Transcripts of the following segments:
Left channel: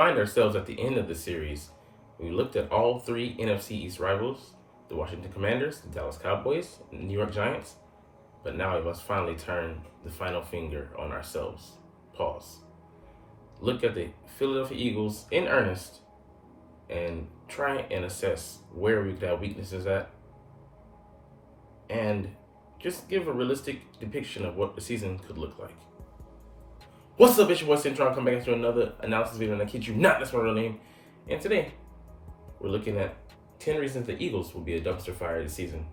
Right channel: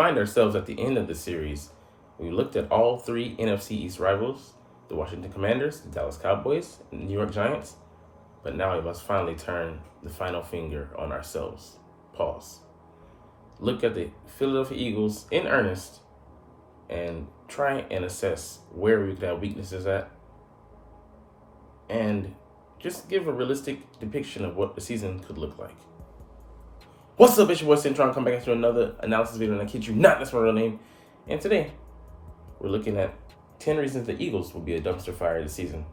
Find ourselves at the end of the series. We looked at all three NFC East rivals, the Washington Commanders, the Dallas Cowboys, and the New York Giants. But now we must finally turn the final finger on ourselves. Pause. Look at the Philadelphia Eagles in earnest and try and assess where we could have weaknesses at and just give a realistic depiction of what the season could look like. What's up, it's your boy Cintron, come back into another analysis video, and I kid you not, that's my real name. And today, we're looking at 10 reasons the Eagles will be a dumpster fire this season.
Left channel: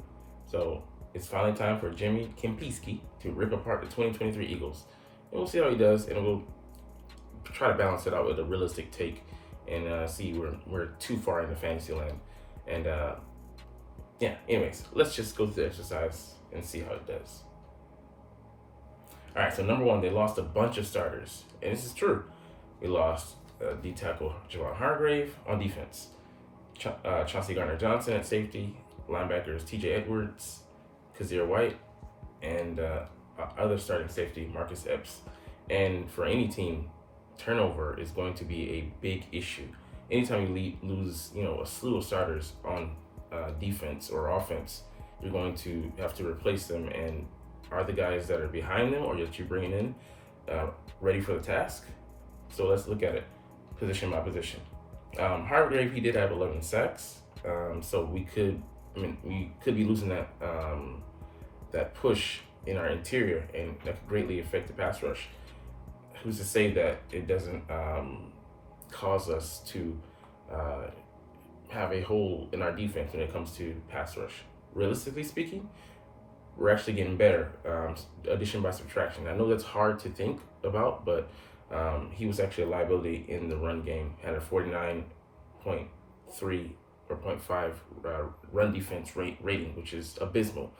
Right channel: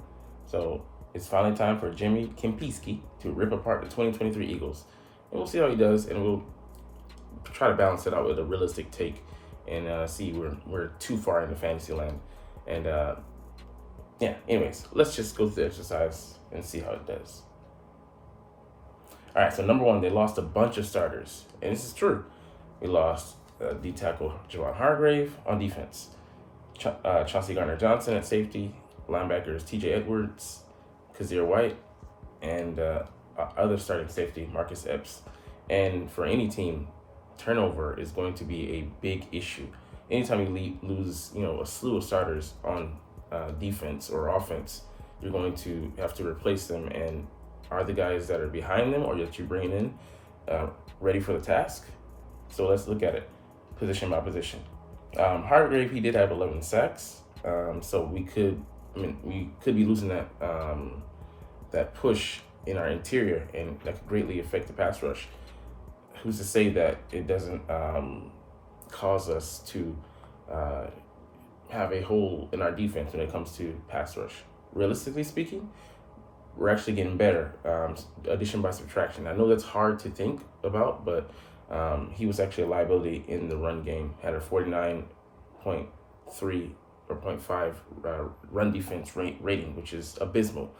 So, it's finally time for Jimmy Kempinski to rip apart the 2023 Eagles. And we'll see how he does, and we'll try to balance it out with a realistic take and see we're too far into fantasy land. And yeah, anyways, let's just go through the exercise and see how it does. All right, so number one, they lost a bunch of starters, and this is true. We lost D tackle Javon Hargrave on defense, Chauncey Gardner-Johnson at safety, linebackers T.J. Edwards, Kazir White, and other starting safety Marcus Epps. And for any team, turnover is going to be a big issue. Anytime you lose, a slew of starters on defense or offense, you're going to have to replace them. And are the guys that are behind them or that you're bringing in ready for the task? So let's look at it position by position. Hargrave, he did have 11 sacks, so we could be losing that push in our interior, and that could greatly affect the pass rush. Who's to say that it doesn't cause us to have a hole in our defense when it comes to pass rush? Realistically speaking, we're actually getting better, addition by subtraction. I know that's hard to think about, but he was actually a liability in the run game. Had a 49.3 or 0.5 run defense rating, which is abysmal.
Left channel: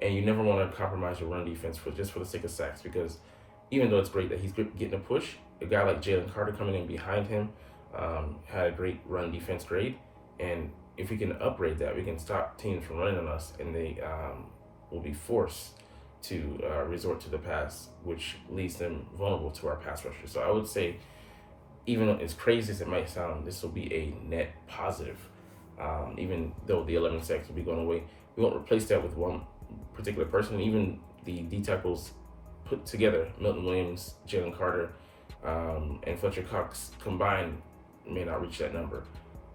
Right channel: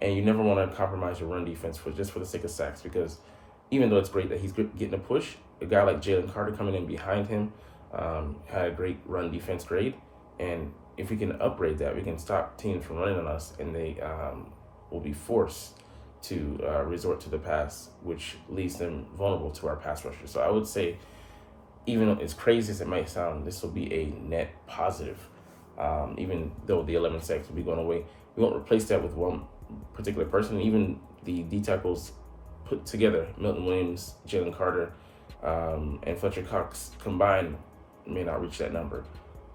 And you never want to compromise your run defense for the sake of sacks, because even though it's great that he's getting a push, a guy like Jalen Carter coming in behind him had a great run defense grade. And if we can upgrade that, we can stop teams from running on us, and they will be forced to resort to the pass, which leaves them vulnerable to our pass rushers. So I would say, even though as crazy as it might sound, this will be a net positive. Even though the 11 sacks will be going away, we won't replace that with one particular person. Even the D tackles put together, Milton Williams, Jalen Carter, and Fletcher Cox combined may not reach that number.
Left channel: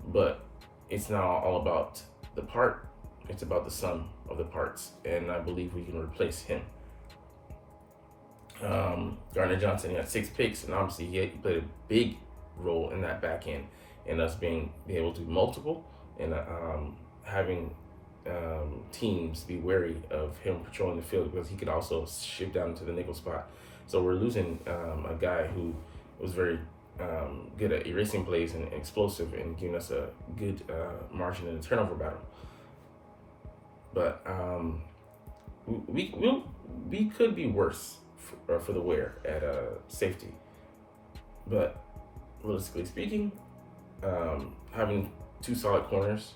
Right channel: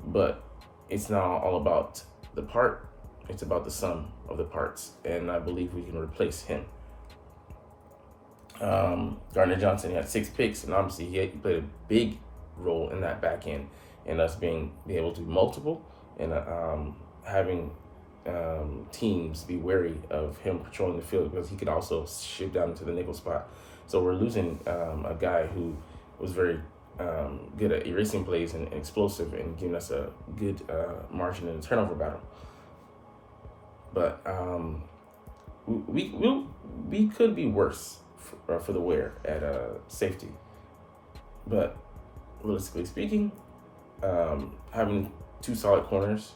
But it's not all about the part. It's about the sum of the parts, and I believe we can replace him. Gardner-Johnson had 6 picks, and obviously he played a big role in that back end, and us being able to do multiple, and having teams be wary of him patrolling the field, because he could also shift down into the nickel spot. So we're losing a guy who was very good at erasing plays and explosive, and giving us a good margin in the turnover battle. But we could be worse for the wear at safety. But realistically speaking, having 2 solid corners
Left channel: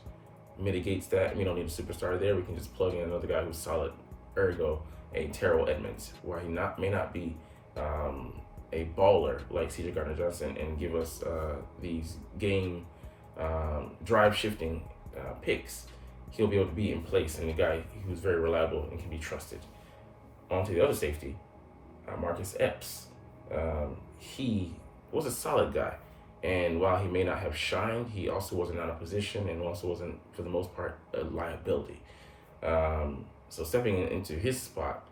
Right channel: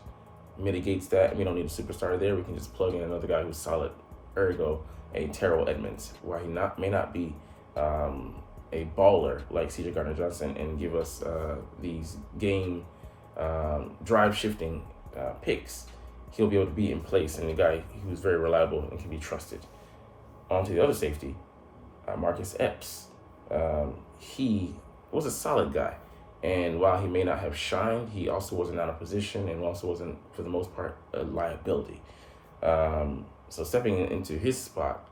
mitigates that, and we don't need a superstar there. We can just plug in another guy who's solid. Ergo, a Terrell Edmonds, while he may not be a baller like C.J. Gardner-Johnson and give us these game drive shifting picks, he'll be able to be in place, and a guy who's very reliable and can be trusted. On to the other safety, Marcus Epps. He was a solid guy, and while he may not have shined, he also wasn't out of position, and also wasn't, for the most part, a liability. So stepping into his spot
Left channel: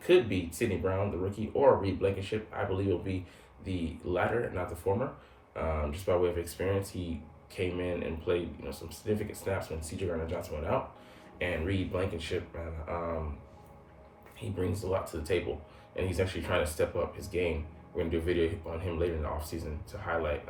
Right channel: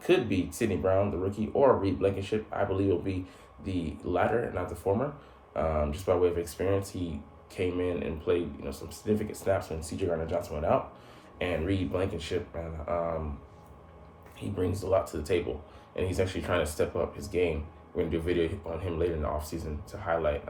could be Sidney Brown, the rookie, or Reed Blankenship. I believe it'll be the latter, not the former. Just by way of experience, he came in and played some significant snaps when C.J. Gardner-Johnson went out, and Reed Blankenship, he brings a lot to the table, and he's actually trying to step up his game. We're going to do a video on him later in the offseason to highlight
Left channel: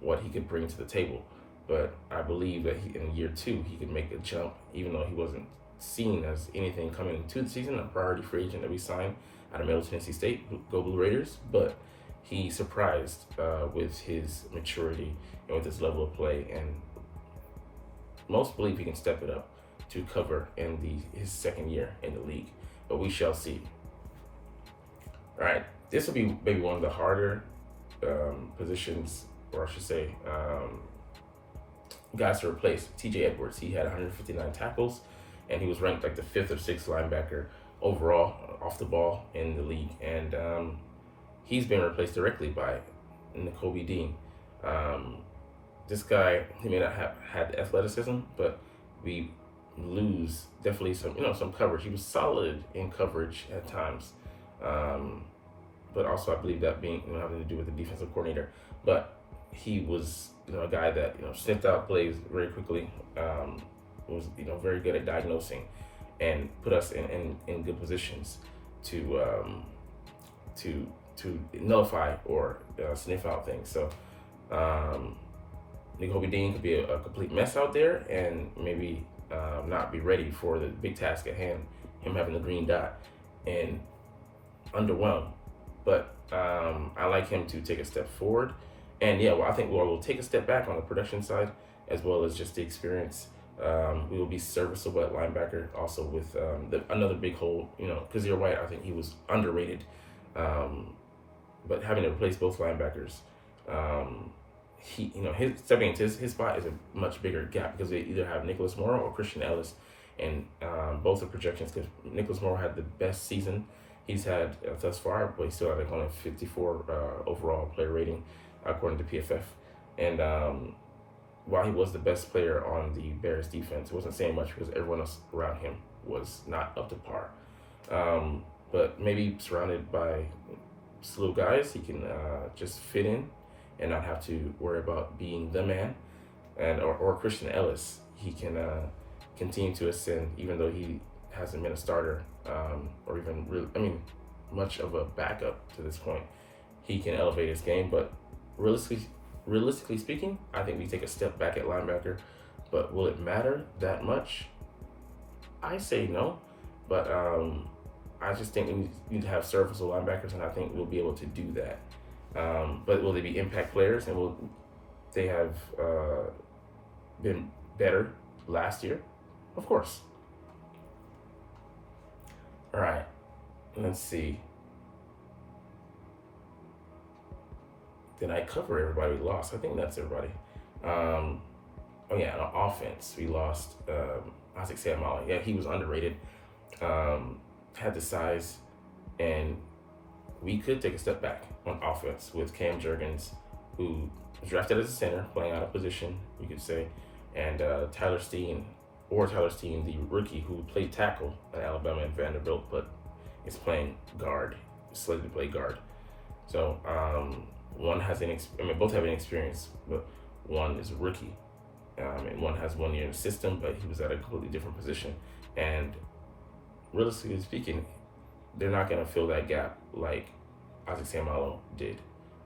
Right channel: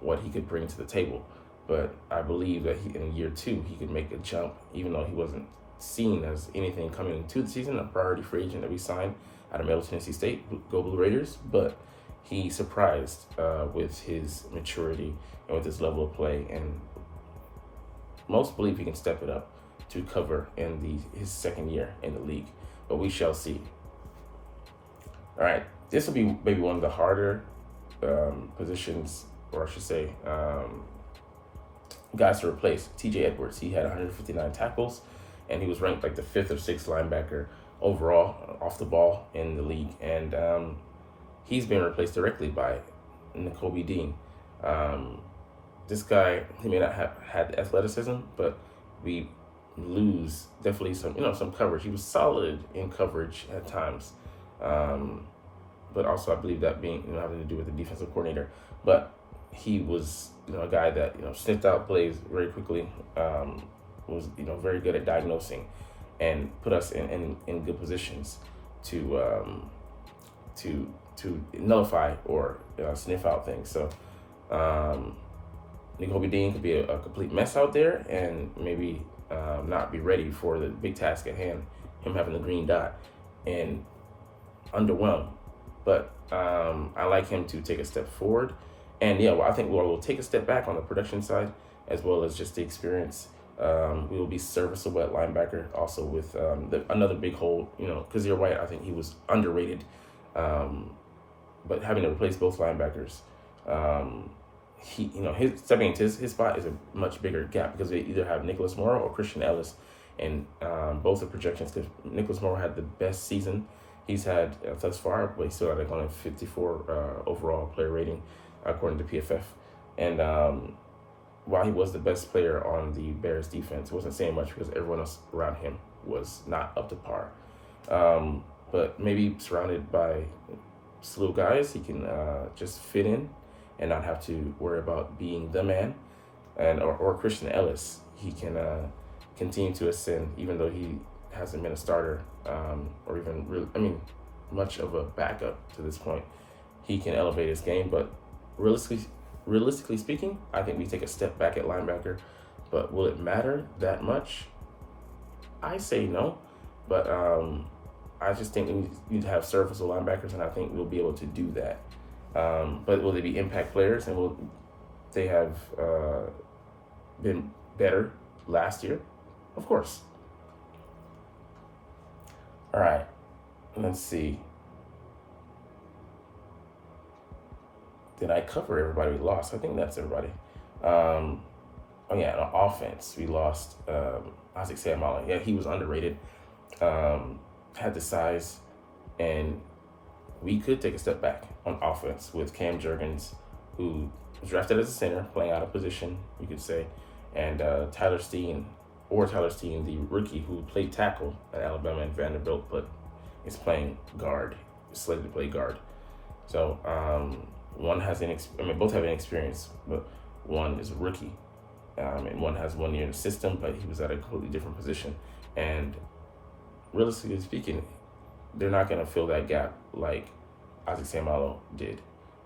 what he could bring to the table. But I believe that in year 2, he could make a jump, even though he wasn't seen as anything coming into the season, a priority free agent that we signed out of Middle Tennessee State, Go Blue Raiders. But he surprised with his maturity and with his level of play, and most believe he can step it up to cover in his second year in the league. But we shall see. All right, this will be maybe one of the harder positions or I should say, guys to replace T.J. Edwards. He had 159 tackles, and he was ranked like the 5th or 6th linebacker overall off the ball in the league. And he's been replaced directly by Nakobe Dean. This guy, he may not have had the athleticism, but we lose definitely some coverage. He was solid in coverage at times, but also I believe that being having to do with the defensive coordinator. But he was a guy that sniffed out plays very quickly, was very good at diagnosing, and put us in good positions to nullify or sniff out things. So Nakobe Dean could be a complete mess out there, and maybe not be ready for the big task at hand, him having the green dot, and underwhelmed. But I like him to take a step forward. And I think we'll take a step back on the production side, as well as just the experience. We will be serviceable at linebacker, also with another big hole, Kazir White. I think he was underrated, but having to replace both linebackers, his stepping into his spot is a much bigger gap, because they either have Nicholas Morrow or Christian Ellis, and both the projections, because Nicholas Morrow had the best season he's had thus far, but he still had only 54 overall player rating according to PFF. And while he was the best player on the Bears defense, it wasn't saying much because everyone else around him was not up to par. But maybe surrounded by slew guys, he can just fit in and not have to worry about being the man. And or Christian Ellis, he can continue to ascend, even though he hasn't been a starter or even really, much of a backup to this point. He can elevate his game, but realistically speaking, I think we take a step back at linebacker. But will it matter that much? I say no, but I just think we need to have serviceable linebackers, and I think we'll be able to do that. But will they be impact players, and will they have been better last year? Of course. All right, let's see. Did I cover everybody we lost? I think that's everybody. On offense, we lost Isaac Seumalo. Yeah, he was underrated. Had the size, and we could take a step back on offense with Cam Jurgens, who was drafted as a center, playing out of position, you could say, and Tyler Steen, the rookie who played tackle at Alabama and Vanderbilt, but is playing guard, slated to play guard. So both have experience, but one is a rookie, and one has 1 year in the system, but he was at a completely different position. And realistically speaking, they're not going to fill that gap like Isaac Seumalo did.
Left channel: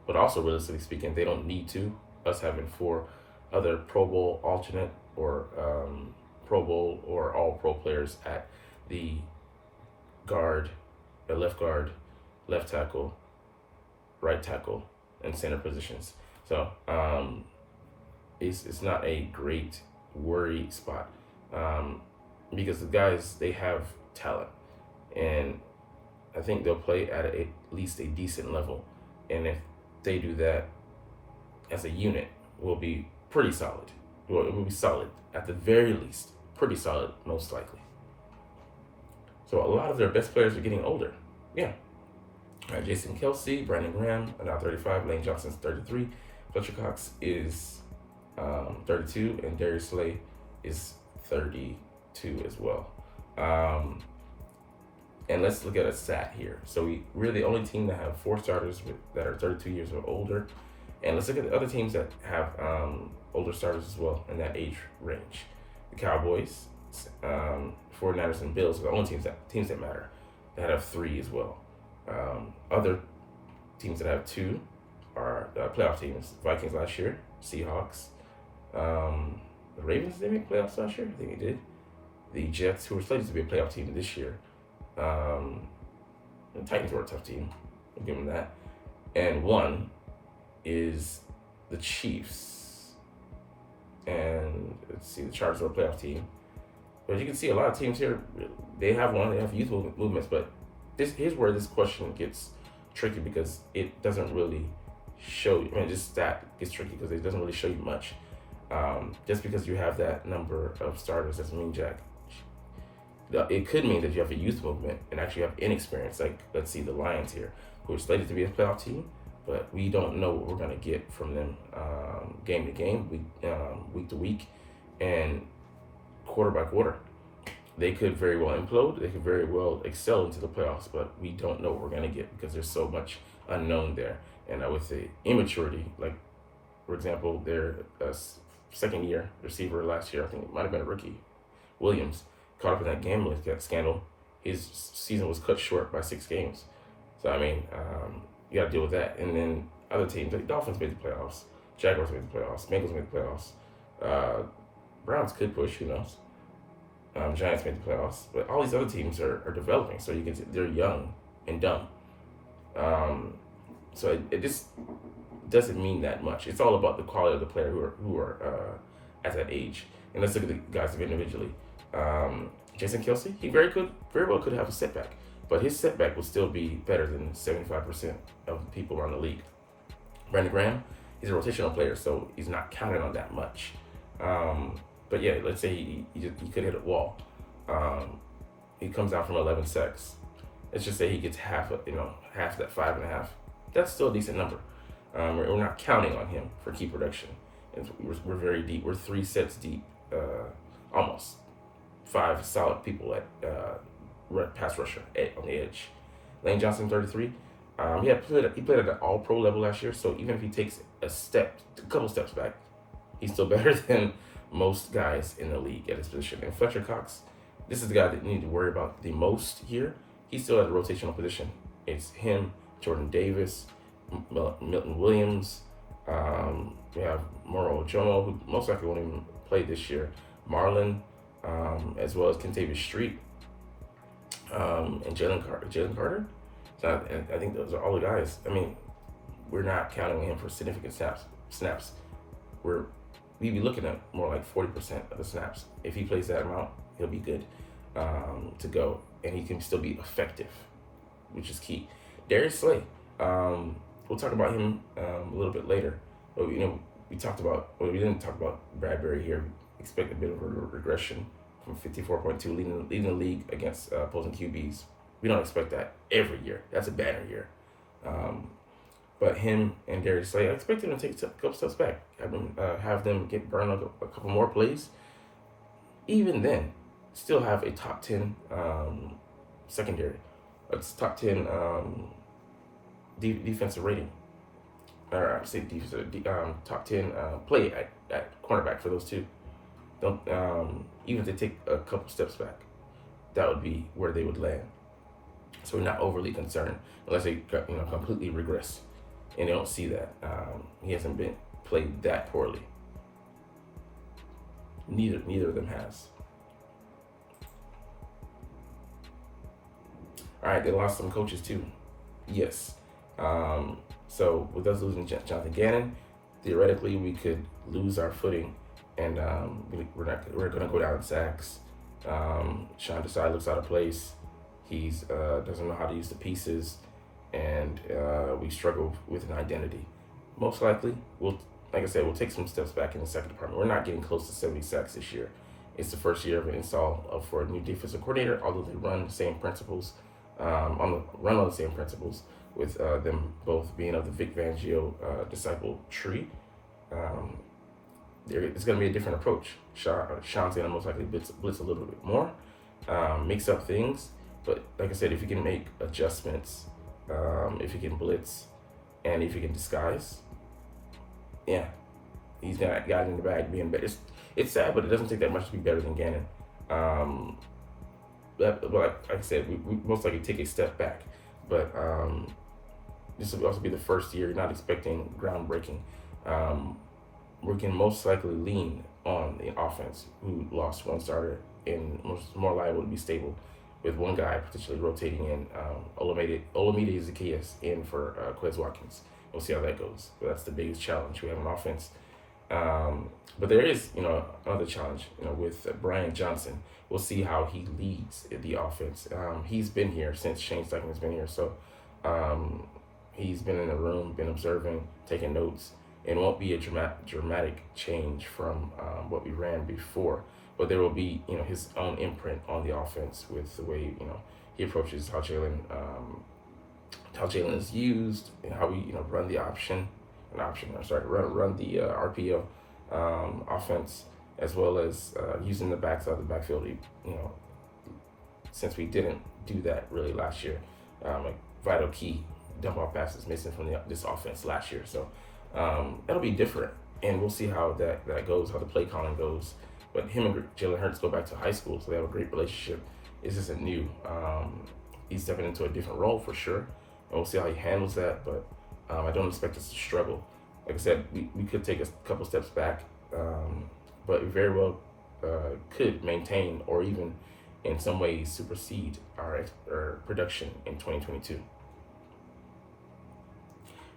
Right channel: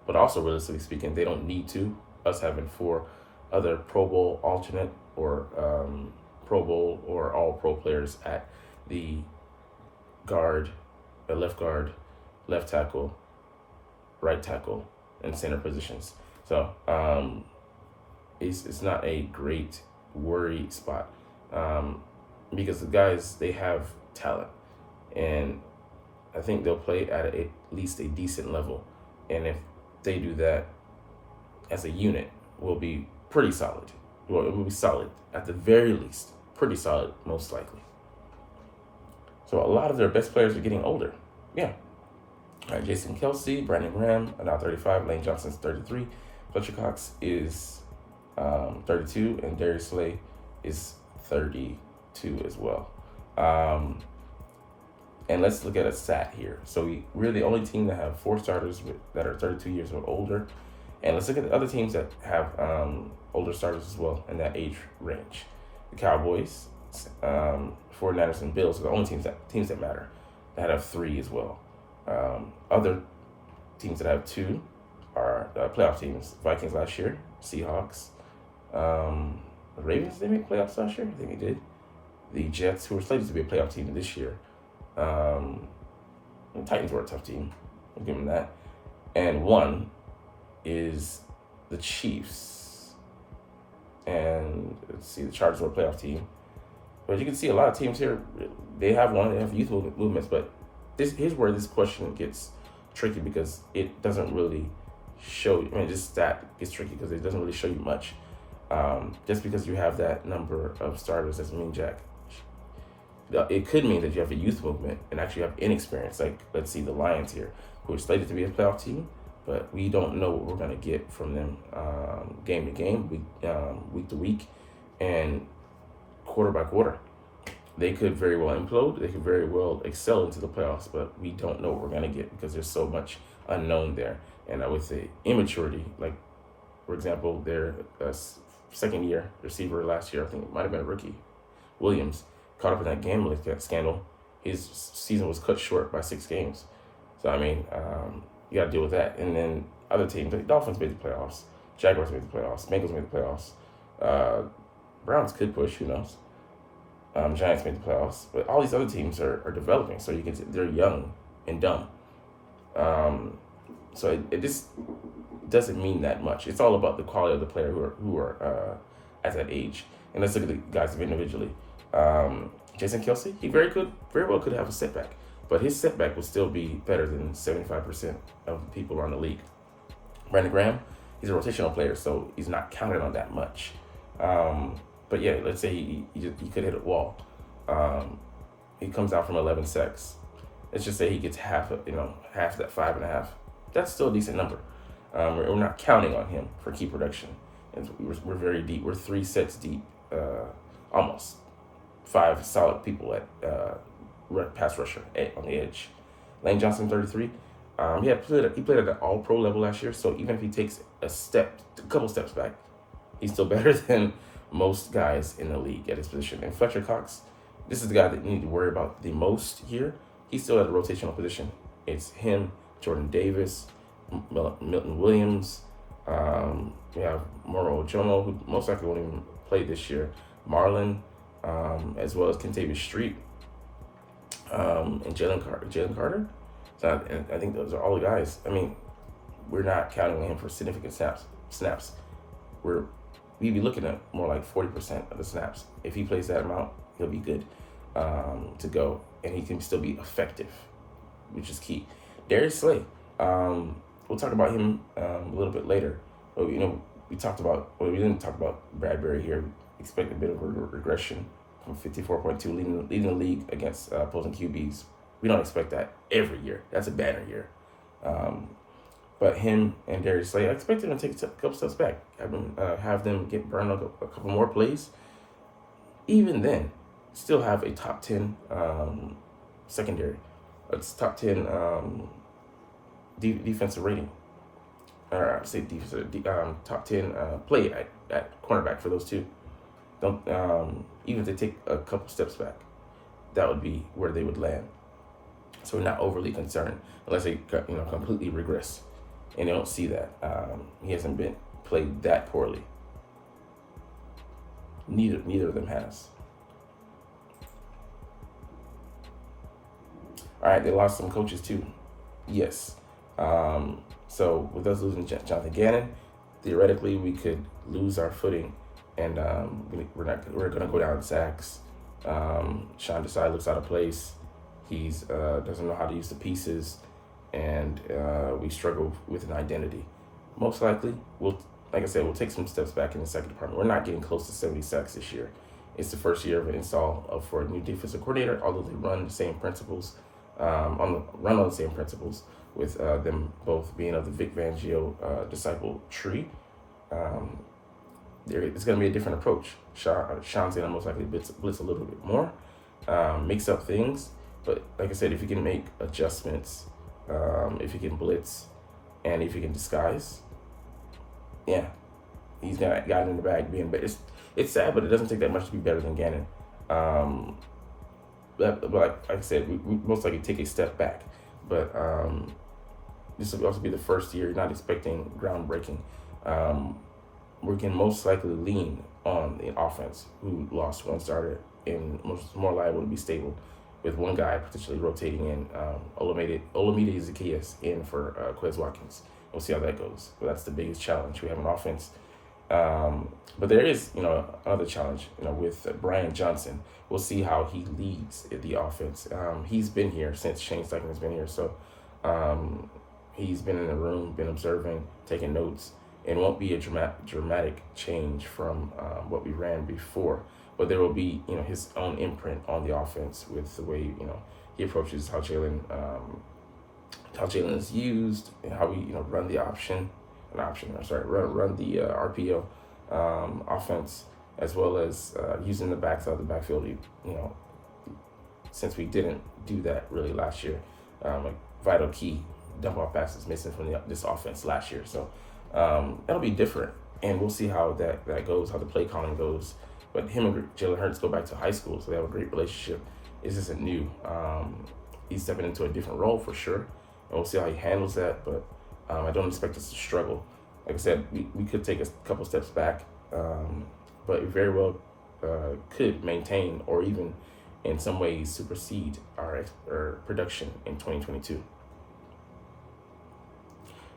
But also, realistically speaking, they don't need to. Us having 4 other Pro Bowl alternate or Pro Bowl or All-Pro players at the left guard, left tackle, right tackle, and center positions. So it's not a great worry spot because the guys, they have talent, and I think they'll play at least a decent level. And if they do that as a unit, we'll be pretty solid. Well, it will be solid at the very least, pretty solid most likely. So a lot of their best players are getting older. Yeah. All right, Jason Kelsey, Brandon Graham are now 35. Lane Johnson's 33. Fletcher Cox is 32, and Darius Slay is 32 as well. And let's look at a stat here. So we're the only team that have 4 starters that are 32 years or older. And let's look at the other teams that have older starters as well in that age range. The Cowboys, 49ers, and Bills are the only teams that matter, that have 3 as well. Other teams that have 2 are playoff teams. Vikings last year, Seahawks. The Ravens didn't make playoffs last year? I think they did. The Jets, who were slated to be a playoff team this year. The Titans were a tough team. We'll give them that. And 1 is the Chiefs. And let's see, the Chargers are a playoff team. But you can see a lot of teams here, they have youth movements, but here's where this question gets tricky, because it doesn't really show you. I mean, this stat gets tricky because it doesn't really show you much. Just because you have that number of starters doesn't mean jack. It could mean that you have a youth movement and actually have inexperience. Like, let's see the Lions here, who are slated to be a playoff team, but we don't know what we're going to get from them game to game, week to week, and quarter by quarter. They could very well implode. They could very well excel into the playoffs, but we don't know what we're going to get because there's so much unknown there. And with the immaturity, like, for example, their second year receiver last year, I think it might have been a rookie, Williams, caught up in that gambling scandal. His season was cut short by 6 games. So, I mean, you got to deal with that. And then other teams, like Dolphins made the playoffs, Jaguars made the playoffs, Bengals made the playoffs, Browns could push, who knows. Giants made the playoffs, but all these other teams are developing, so they're young and dumb. So it just doesn't mean that much. It's all about the quality of the player who are at that age. And let's look at the guys individually. Jason Kelsey, he very well could have a setback, but his setback will still be better than 75% of the people around the league. Brandon Graham, he's a rotational player, so he's not counted on that much. But yeah, let's say he could hit a wall. He comes out from 11 sacks. Let's just say he gets half that 5.5. That's still a decent number. We're not counting on him for key production. And we're very deep. We're 3 sets deep, almost 5 solid people at pass rusher on the edge. Lane Johnson, 33. He played at the All-Pro level last year. So even if he takes a couple steps back, he's still better than most guys in the league at his position. And Fletcher Cox, this is the guy that you need to worry about the most here. He's still at a rotational position. It's him, Jordan Davis, Milton Williams. We have Moro Ojomo, who most likely won't even play this year. Marlon, as well as Kentavious Street, and Jalen Carter. So I think those are all the guys. I mean, we're not counting on him for significant snaps. We'd be looking at more like 40% of the snaps. If he plays that amount, he'll be good to go, and he can still be effective, which is key. Darius Slay, we'll talk about him a little bit later. But we didn't talk about Bradbury here. We expect a bit of a regression from 54.2, leading the league against opposing QBs. We don't expect that every year. That's a banner year. But him and Darius Slay, I expect him to take a couple steps back. Have them get burned on a couple more plays. Even then, still have a top 10 secondary. It's top 10 defensive rating. Or say defensive, top 10 play at cornerback for those two. Even if they take a couple steps back, that would be where they would land. So we're not overly concerned unless they completely regress. And they don't see that. He hasn't been played that poorly. Neither of them has. All right, they lost some coaches too. Yes. So with us losing Jonathan Gannon, theoretically we could lose our footing, and we're gonna go down in sacks. Sean Desai looks out of place. He's doesn't know how to use the pieces. And we struggle with an identity. Most likely, we'll take some steps back in the second department. We're not getting close to 70 sacks this year. It's the first year of an install for a new defensive coordinator, although they run the same principles, on the same principles, with them both being of the Vic Fangio disciple tree. It's going to be a different approach. Sean's going to most likely blitz a little bit more, mix up things. But like I said, if you can make adjustments, if he can blitz, and if he can disguise, yeah, he's got it in the bag being better. It's sad, but it doesn't take that much to be better than Gannon. But like I said, we most likely take a step back. But this will also be the first year, not expecting groundbreaking. We can most likely lean on the offense, who lost one starter and more liable to be stable, with one guy potentially rotating in Olamide Zacchaeus in for Quez Watkins. We'll see how that goes. But that's the biggest challenge. We have an offense. But there is, another challenge, with Brian Johnson. We'll see how he leads the offense. He's been here since Shane Steichen has been here. So he's been in the room, been observing, taking notes. It won't be a dramatic change from what we ran before, but there will be, his own imprint on the offense with the way, he approaches how Jalen is used and how we, run the run the RPO offense, as well as using the backside of the backfield, since we didn't do that really last year. A vital key dump off passes missing from this offense last year. So that'll be different, and we'll see how that goes, how the play calling goes. But him and Jalen Hurts go back to high school, so they have a great relationship. This isn't new. He's stepping into a different role for sure, and we'll see how he handles that. But I don't expect us to struggle. Like I said, we could take a couple steps back, but we very well could maintain or even in some ways supersede our production in 2022.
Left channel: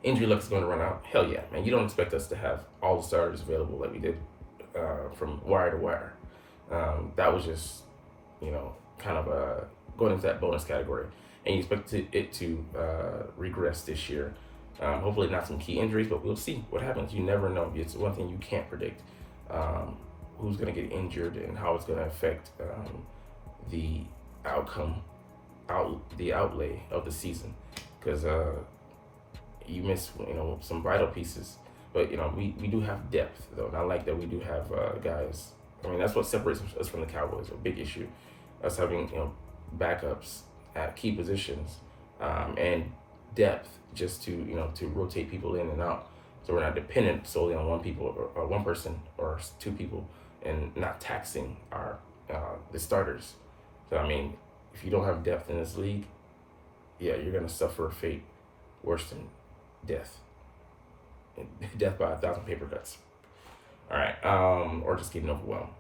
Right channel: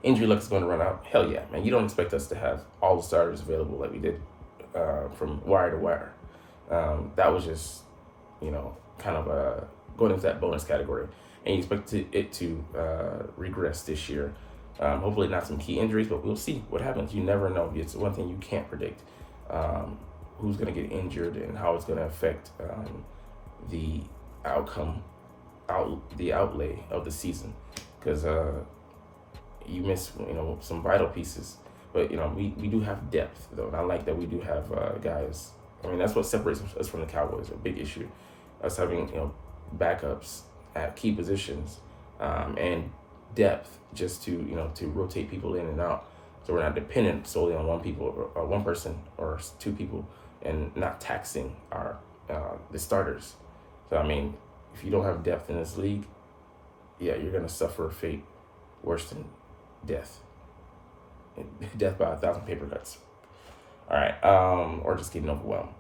Injury luck is going to run out. Hell yeah, man. You don't expect us to have all the starters available like we did from wire to wire. That was just, kind of going into that bonus category. And you expect it to regress this year. Hopefully not some key injuries, but we'll see what happens. You never know. It's one thing you can't predict. Who's going to get injured and how it's going to affect the outcome, the outlay of the season. Because you miss, some vital pieces. But, we do have depth, though. And I like that we do have guys. I mean, that's what separates us from the Cowboys, a big issue. Us having, backups at key positions and depth just to, to rotate people in and out. So we're not dependent solely on one person or two people, and not taxing our the starters. So, I mean, if you don't have depth in this league, yeah, you're going to suffer a fate worse than death. Death by 1,000 paper cuts. All right. Or just getting overwhelmed.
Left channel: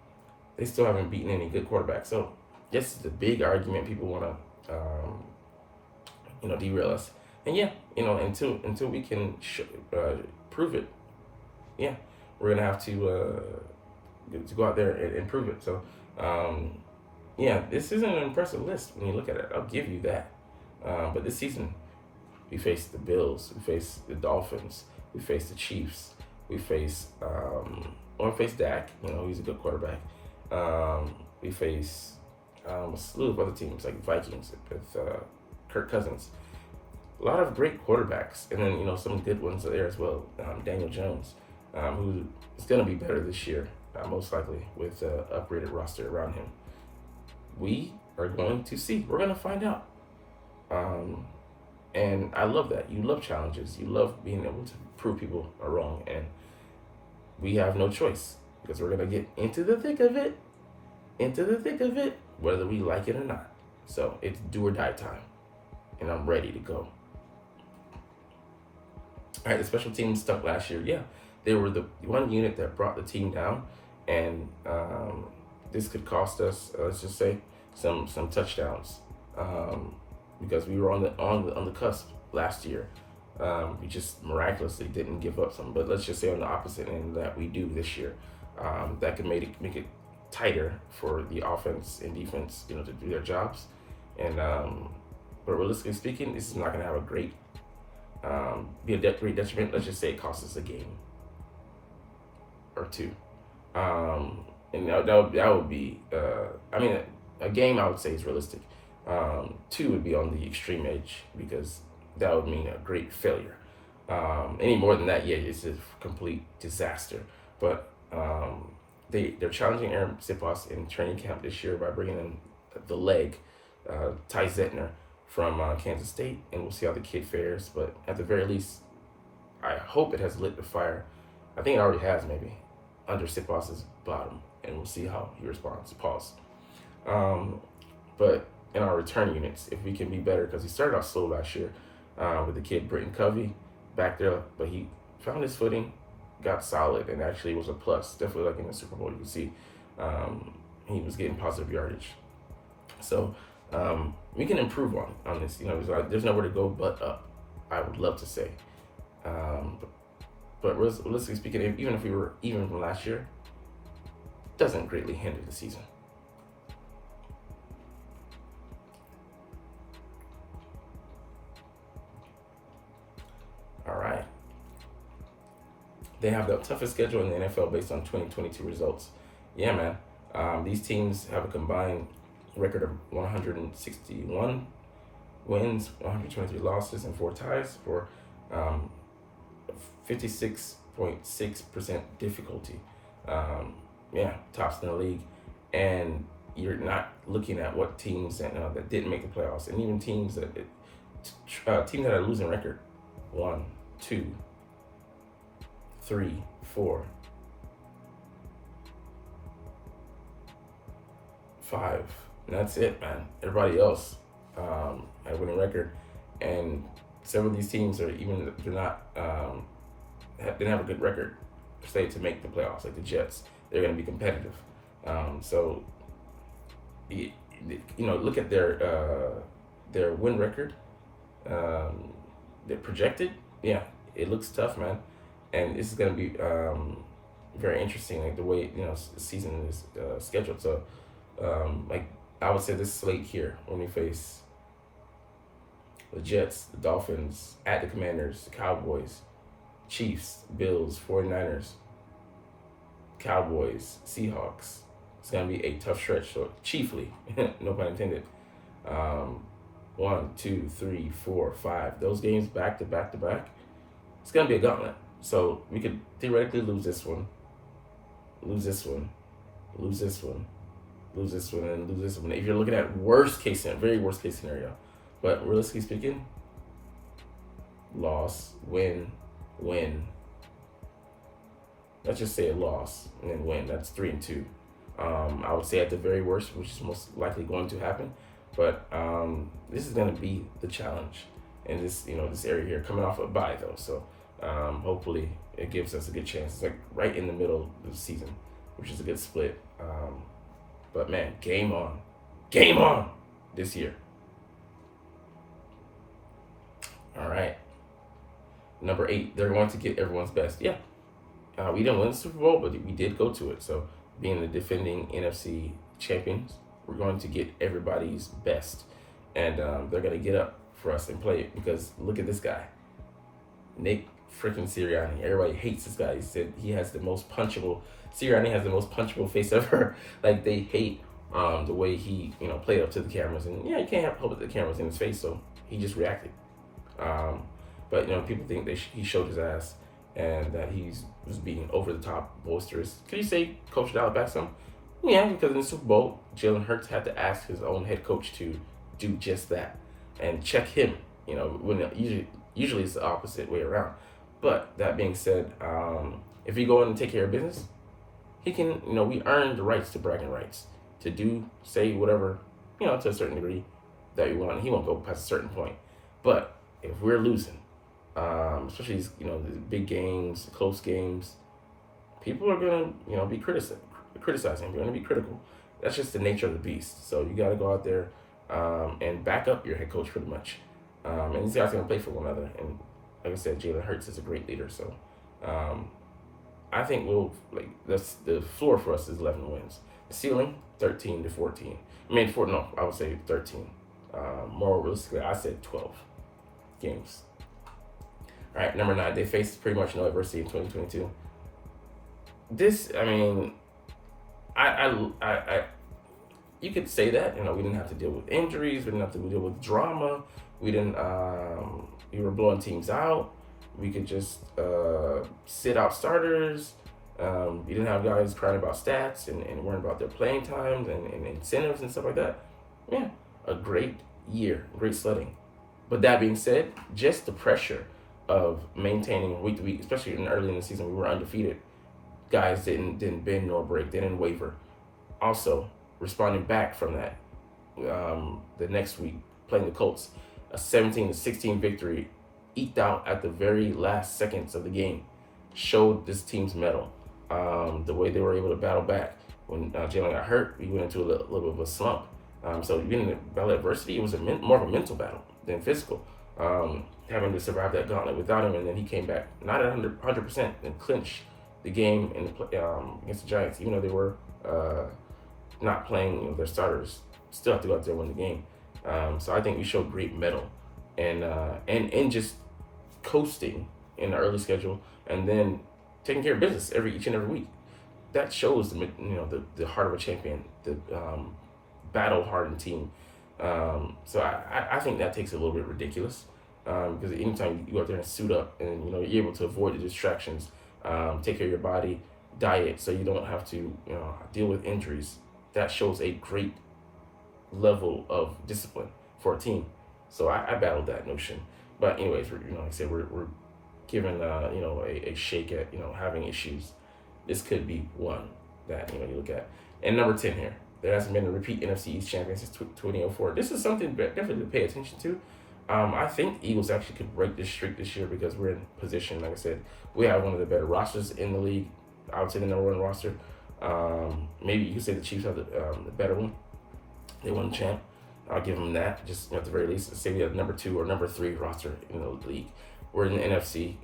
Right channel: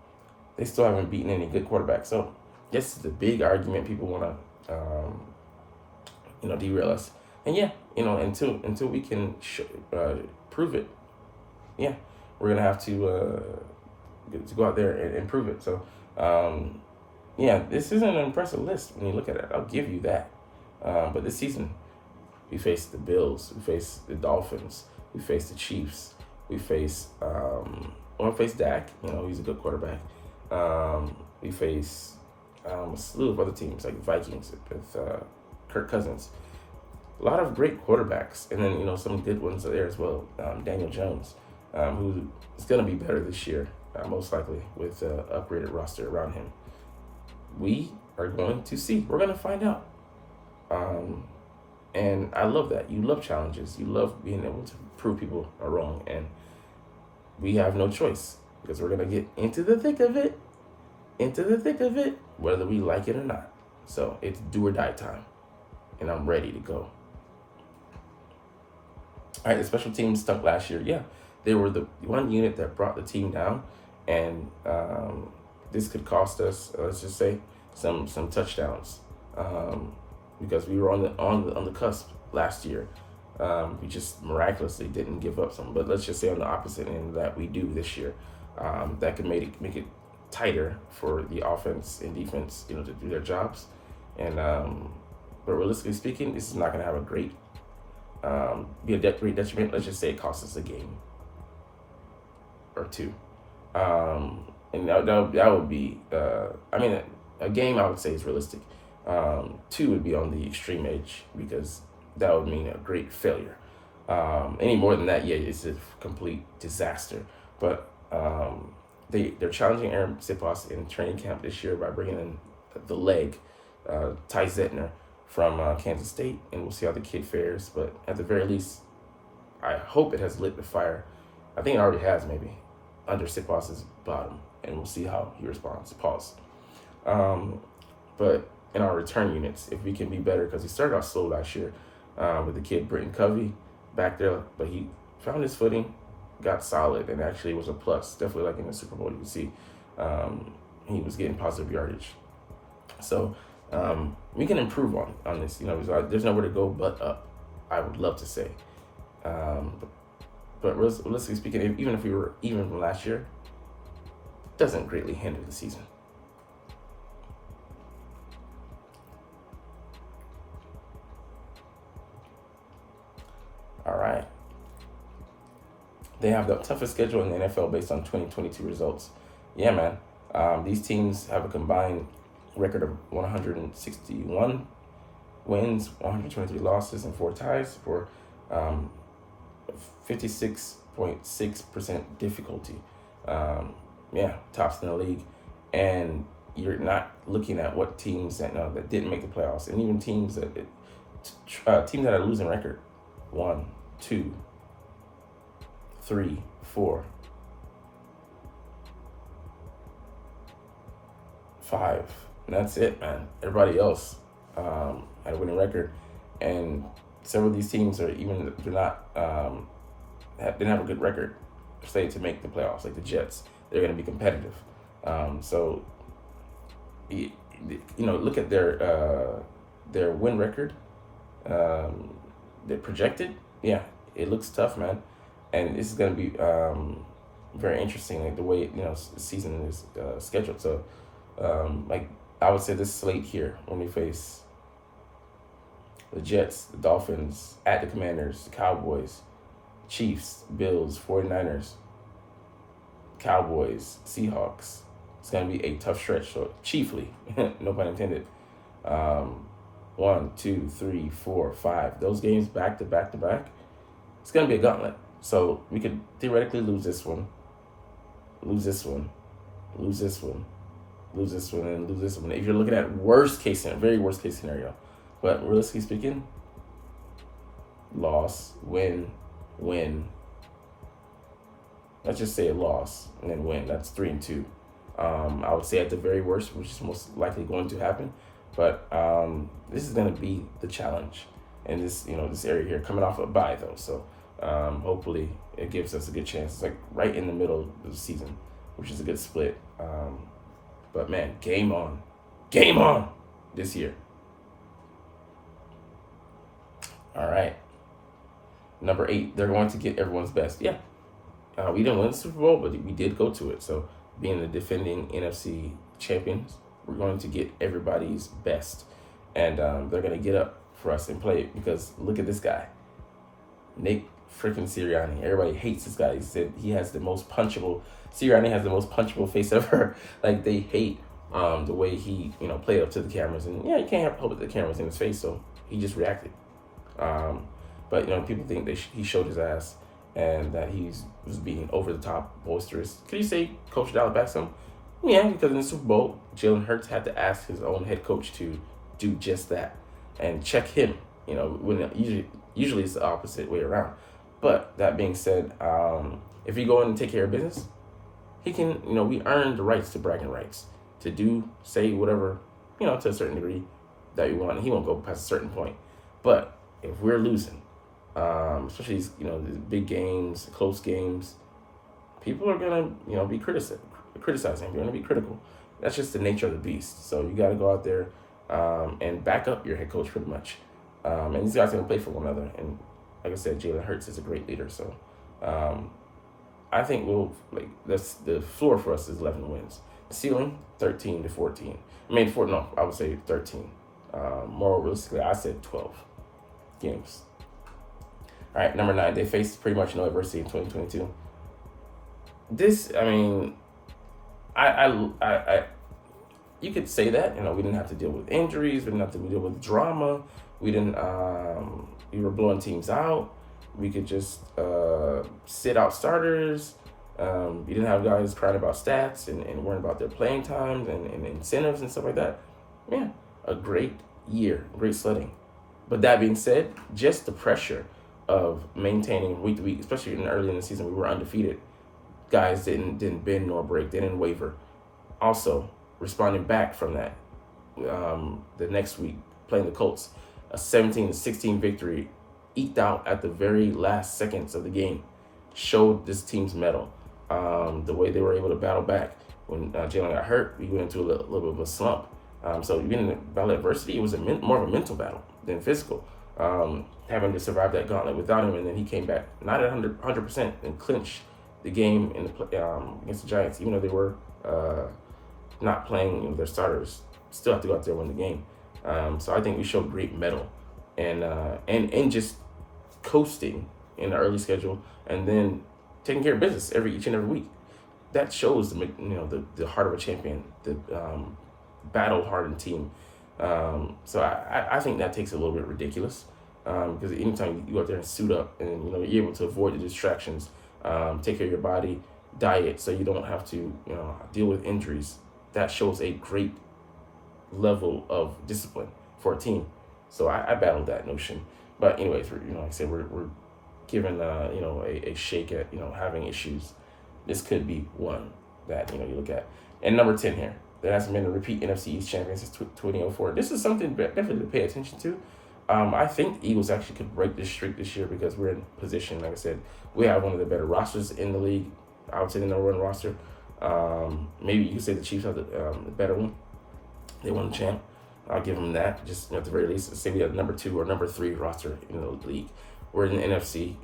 They still haven't beaten any good quarterbacks. So this is the big argument people want to, derail us. And yeah, until we can prove it, yeah, we're going to have to go out there and prove it. So, yeah, this isn't an impressive list when you look at it. I'll give you that. But this season, we faced the Bills, we faced the Dolphins, we faced the Chiefs, we faced Dak, he's a good quarterback. We faced a slew of other teams like Vikings with Kirk Cousins. A lot of great quarterbacks, and then some good ones there as well. Daniel Jones, who is going to be better this year, most likely with an upgraded roster around him. We are going to see. We're going to find out. And I love that. You love challenges. You love being able to prove people are wrong. And we have no choice because we're going to get into the thick of it, whether we like it or not. So it's do or die time. And I'm ready to go. All right, the special teams stunk last year. Yeah, they were the one unit that brought the team down. And this could cost us, let's just say, some touchdowns. Because we were on the cusp last year. We just miraculously didn't give up some. But let's just say on the opposite end that we do this year. That could make it tighter for the offense and defense, to do their jobs. And but realistically speaking, this is not going to have a great be a great detriment. Let's just say it costs us a game or two. And that would be a game I would say is realistic. 2 would be on the extreme edge because that would mean a great failure. Any more than that, yeah, it's a complete disaster. But they're challenging Aaron Sipos in training camp this year by bringing in the leg, Ty Zettner from Kansas State, and we'll see how the kid fares. But at the very least, I hope it has lit the fire. I think it already has, maybe, under Sipos's bottom, and we'll see how he responds. Pause. But in our return units, if we can be better, because he started off slow last year with the kid Britton Covey back there, but he found his footing, got solid, and actually was a plus. Definitely like in the Super Bowl, you can see he was getting positive yardage. So we can improve on this. There's nowhere to go but up, I would love to say. But realistically speaking, even if we were even from last year, doesn't greatly hinder the season. All right. They have the toughest schedule in the NFL based on 2022 results. Yeah, man. These teams have a combined record of 161 wins, 123 losses, and 4 ties for 56.6% difficulty. Yeah, tops in the league. And you're not looking at what teams that didn't make the playoffs, and even teams that are losing record. 1, 2, 3, 4, 5. And that's it, man. Everybody else had a winning record, and several of these teams are even they're not didn't have a good record slated to make the playoffs. Like the Jets, they're going to be competitive. So look at their win record. They're projected. Yeah, it looks tough, man, and this is going to be very interesting. Like the way the season is scheduled. So, like I would say this slate here when we face the Jets, the Dolphins, at the Commanders, the Cowboys, Chiefs, Bills, 49ers, Cowboys, Seahawks. It's going to be a tough stretch, so chiefly, no pun intended. 1, 2, 3, 4, 5. Those games back to back to back. It's going to be a gauntlet. So we could theoretically lose this one, lose this one, lose this one, lose this one, and lose this one. If you're looking at very worst case scenario. But realistically speaking, loss, win. Let's just say a loss and then win. That's 3 and 2. I would say at the very worst, which is most likely going to happen. But this is going to be the challenge in this area here, coming off a bye though. So hopefully it gives us a good chance. It's like right in the middle of the season, which is a good split. But man, game on this year. All right. Number 8, they're going to get everyone's best. Yeah. We didn't win the Super Bowl, but we did go to it. So being the defending NFC champions, we're going to get everybody's best. And they're going to get up for us and play it, because look at this guy, Nick freaking Sirianni. Everybody hates this guy. He said he has the most punchable, Sirianni has the most punchable face ever. Like they hate the way he, played up to the cameras. And yeah, you can't hold the cameras in his face, so he just reacted. But people think he showed his ass and that he's was being over the top boisterous. Could you say Coach dialed back some? Yeah, because in the Super Bowl, Jalen Hurts had to ask his own head coach to do just that and check him. When usually it's the opposite way around. But that being said, if you go in and take care of business, he can. We earn the rights to bragging rights to say whatever, to a certain degree that we want. He won't go past a certain point. But if we're losing, especially these, the big games, close games, people are gonna, be criticizing. They're gonna be critical. That's just the nature of the beast. So you got to go out there and back up your head coach pretty much. And these guys are gonna play for one another. And like I said, Jalen Hurts is a great leader. So I think the floor for us is 11 wins. The ceiling 13 to 14. I would say 13. More realistically, I said 12 games. All right, number 9. They faced pretty much no adversity in 2022. This, I you could say that, we didn't have to deal with injuries, we didn't have to deal with drama, we were blowing teams out, we could just sit out starters, you didn't have guys crying about stats and worrying about their playing times and incentives and stuff like that. Yeah, a great year, great sledding. But that being said, just the pressure of maintaining week to week, especially early in the season, we were undefeated. Guys didn't bend nor break, they didn't waver. Also, responding back from that, the next week, playing the Colts, a 17-16 victory, eked out at the very last seconds of the game, showed this team's mettle. The way they were able to battle back. When Jalen got hurt, we went into a little bit of a slump. So being in the battle of adversity, it was more of a mental battle than physical. Having to survive that gauntlet without him, and then he came back not at 100% and clinched the game against the Giants, even though they were not playing their starters. Still have to go out there and win the game. So I think we showed great mettle and just coasting in the early schedule, and then taking care of business each and every week. That shows the heart of a champion, the battle hardened team. So I think that takes a little bit ridiculous, because anytime you go out there and suit up and you're able to avoid the distractions, take care of your body, diet, so you don't have to deal with injuries. That shows a great level of discipline for a team. So I battled that notion. But anyways, like I said, we're given a shake at having issues. This could be one that you look at. And number 10 here, there hasn't been a repeat NFC East champion since 2004. This is something definitely to pay attention to. I think Eagles actually could break this streak this year because we're in position. Like I said, we have one of the better rosters in the league. I would say the number one roster. Maybe you could say the Chiefs have the better one. They won the champ. I'll give them that. Just at the very least, say we have number 2 or number 3 roster in the league. We're in the NFC.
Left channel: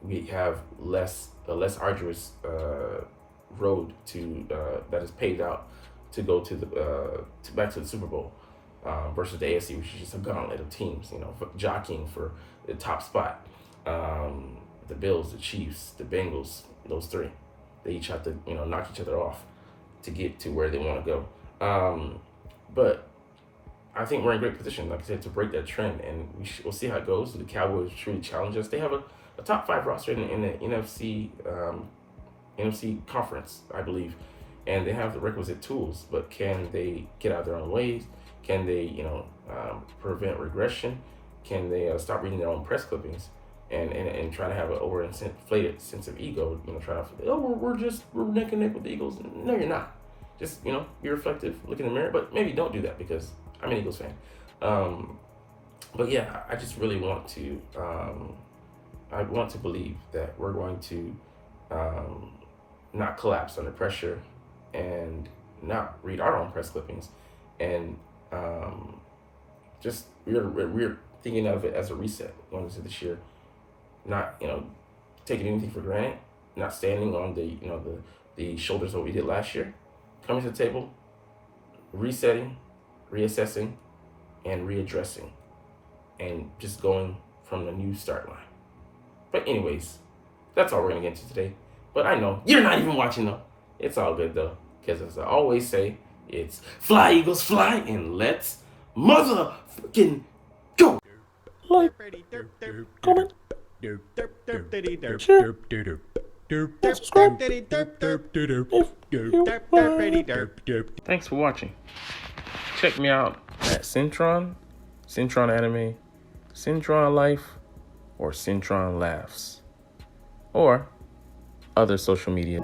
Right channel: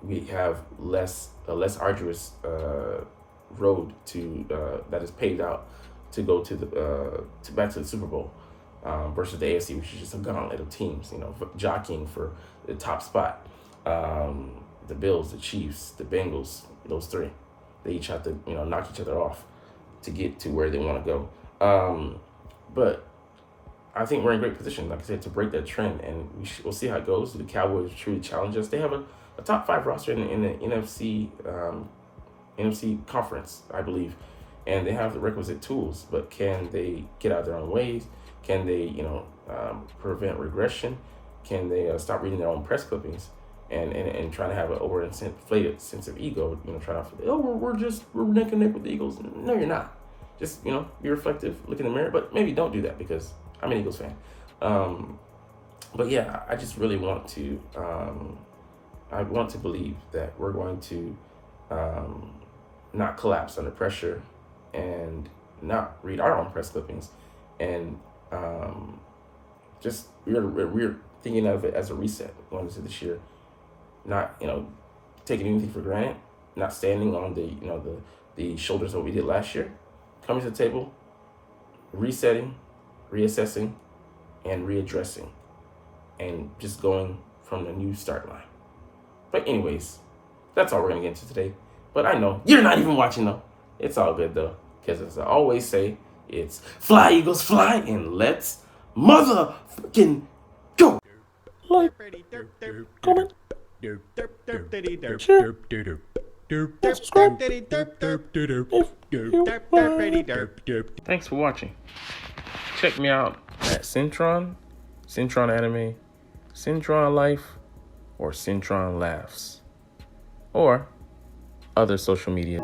We have a less arduous road to that is paved out to go to the back to the Super Bowl versus the AFC, which is just a gauntlet of teams, jockeying for the top spot. The Bills, the Chiefs, the Bengals, those 3, they each have to knock each other off to get to where they want to go. But I think we're in great position, like I said, to break that trend, and we'll see how it goes. The Cowboys truly challenge us. They have a top 5 roster in the NFC conference, I believe, and they have the requisite tools. But can they get out of their own ways? Can they, prevent regression? Can they stop reading their own press clippings and trying to have an overinflated sense of ego? Trying to we're neck and neck with the Eagles. No, you're not. Just be reflective, look in the mirror. But maybe don't do that because I'm an Eagles fan. But yeah, I just really want to. I want to believe that we're going to not collapse under pressure and not read our own press clippings, and just we're thinking of it as a reset going into this year. Not taking anything for granted, not standing on the shoulders of what we did last year. Coming to the table, resetting, reassessing, and readdressing, and just going from the new start line. But anyways, that's all we're going to get into today. But I know you're not even watching, though. It's all good, though. Because as I always say, it's fly, Eagles, fly, and let's motherfucking go. Like, comment, share, and subscribe if you like. Thanks for watching. Check me out at Cintron, Cintron Anime, Cintron Life, or Cintron Laughs, or other social media.